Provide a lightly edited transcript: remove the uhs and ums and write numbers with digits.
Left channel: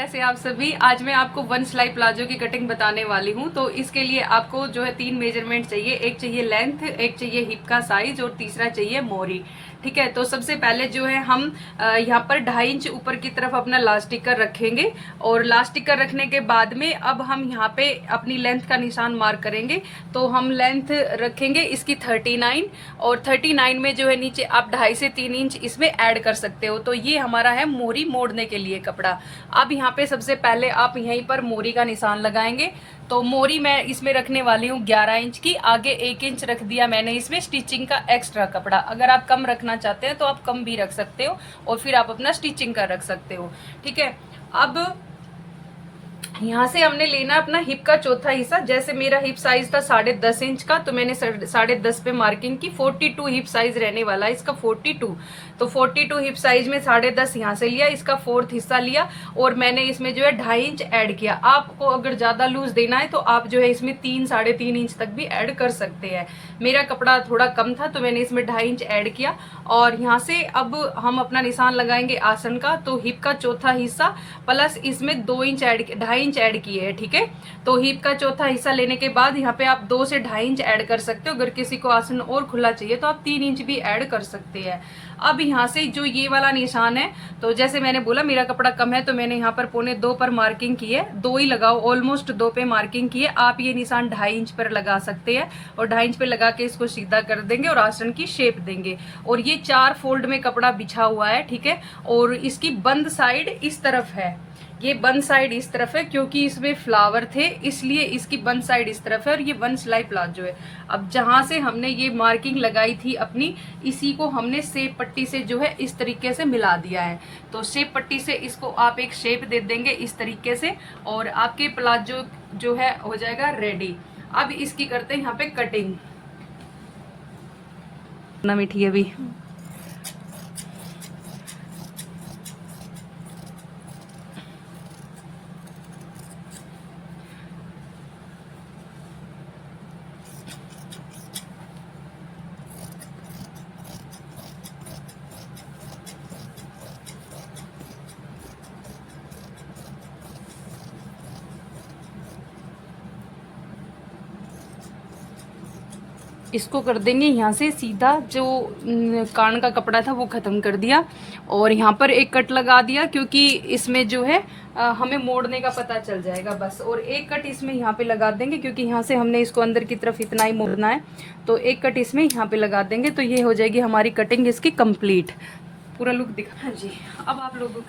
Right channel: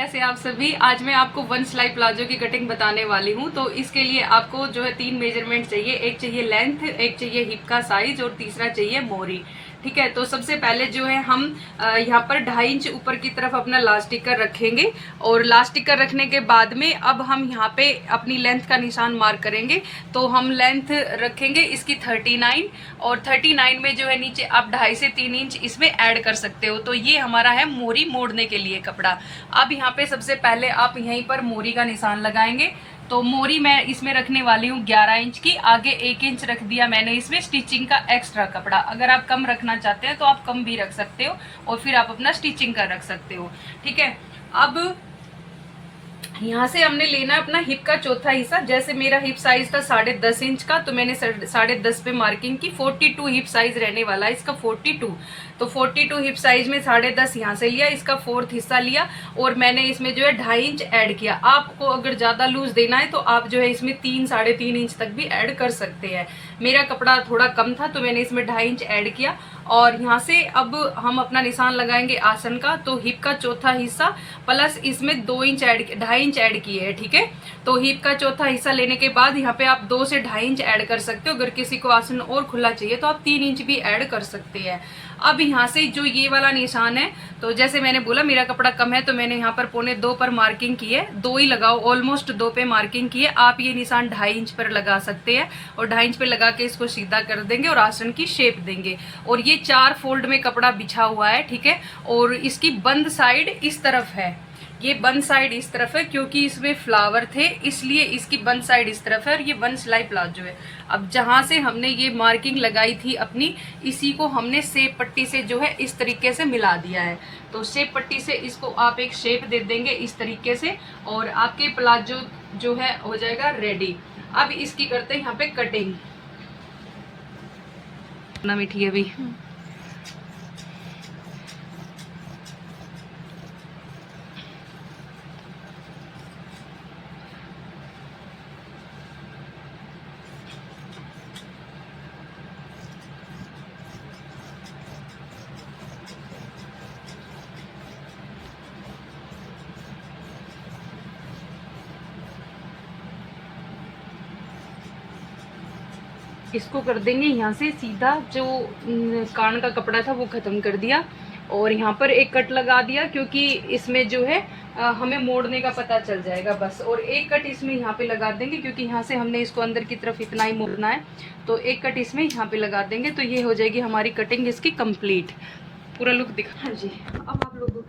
कैसे आप सभी। आज मैं आपको वन सिलाई प्लाजो की कटिंग बताने वाली हूँ। तो इसके लिए आपको जो है 3 मेजरमेंट चाहिए। एक चाहिए लेंथ, एक चाहिए हिप का साइज और तीसरा चाहिए मोरी। ठीक है, तो सबसे पहले जो है हम यहाँ पर 2.5 इंच ऊपर की तरफ अपना लास्टिकर रखेंगे और लास्टिकर रखने के बाद में अब हम यहाँ पे अपनी लेंथ का निशान मार्क करेंगे। तो हम लेंथ रखेंगे इसकी 39 और 39 में जो है नीचे आप 2.5 से 3 इंच इसमें ऐड कर सकते हो। तो ये हमारा है मोरी मोड़ने के लिए कपड़ा। अब यहाँ पे सबसे पहले आप यहीं पर मोरी का निशान लगाएंगे। तो मोरी मैं इसमें रखने वाली हूँ 11 इंच की। आगे 1 इंच रख दिया मैंने इसमें स्टिचिंग का एक्स्ट्रा कपड़ा। अगर आप कम रखना चाहते हैं तो आप कम भी रख सकते हो और फिर आप अपना स्टिचिंग का रख सकते हो। ठीक है, अब यहाँ से हमने लेना अपना हिप का चौथा हिस्सा। जैसे मेरा हिप साइज था 10.5 इंच का, तो मैंने 10.5 पे मार्किंग की। 42 हिप साइज रहने वाला है इसका, 42। तो 42 हिप साइज में 10.5 यहाँ से लिया, इसका 4th हिस्सा लिया और मैंने इसमें जो है 2.5 इंच ऐड किया। आपको अगर ज्यादा लूज देना है तो आप जो है इसमें 3 साढ़े 3 इंच तक भी ऐड कर सकते हैं। मेरा कपड़ा थोड़ा कम था तो मैंने इसमें 2.5 इंच ऐड किया। और यहाँ से अब हम अपना निशान लगाएंगे आसन का। तो हिप का चौथा हिस्सा प्लस इसमें 2 इंच ऐड, 2.5 इंच ऐड किए हैं। ठीक है, तो हिप का चौथा हिस्सा लेने के बाद यहाँ पे आप 2 से 2.5 इंच ऐड कर सकते हो। अगर किसी को आसन और खुला चाहिए तो आप 3 इंच भी ऐड कर सकते हैं। अब यहाँ से जो ये वाला निशान है, तो जैसे मैंने बोला मेरा कपड़ा कम है तो मैंने यहाँ पर 1.25 पर मार्किंग की है। 2 ही लगाओ, ऑलमोस्ट 2 पे मार्किंग की है। आप ये निशान 2.5 इंच पर लगा सकते हैं और 2.5 इंच पे लगा के इसको सीधा कर देंगे और आसन की शेप देंगे। और ये 4 फोल्ड में कपड़ा बिछा हुआ है। ठीक है, और इसकी बंद साइड इस तरफ है। ये बंद साइड इस तरफ है क्योंकि इसमें फ्लावर थे, इसलिए इसकी बंद साइड इस तरफ है और ये वन सिलाई प्लाजो है। अब जहां से हमने ये मार्किंग लगाई थी अपनी, इसी को हमने सेप पट्टी से जो है इस तरीके से मिला दिया है। तो सेप पट्टी से इसको आप एक शेप दे देंगे इस तरीके से और आपके प्लाजो जो है हो जाएगा रेडी। अब इसकी करते हैं यहाँ पे कटिंग ना मीठी है भी। इसको कर देंगे यहाँ से सीधा। जो कान का कपड़ा था वो खत्म कर दिया और यहाँ पर एक कट लगा दिया क्योंकि इसमें जो है हमें मोड़ने का पता चल जाएगा बस। और एक कट इसमें यहाँ पे लगा देंगे क्योंकि यहाँ से हमने इसको अंदर की तरफ इतना ही मोड़ना है। तो एक कट इसमें यहाँ पे लगा देंगे। तो ये हो जाएगी हमारी कटिंग इसकी कंप्लीट। पूरा लुक दिखा। हाँ जी, अब आप लोगों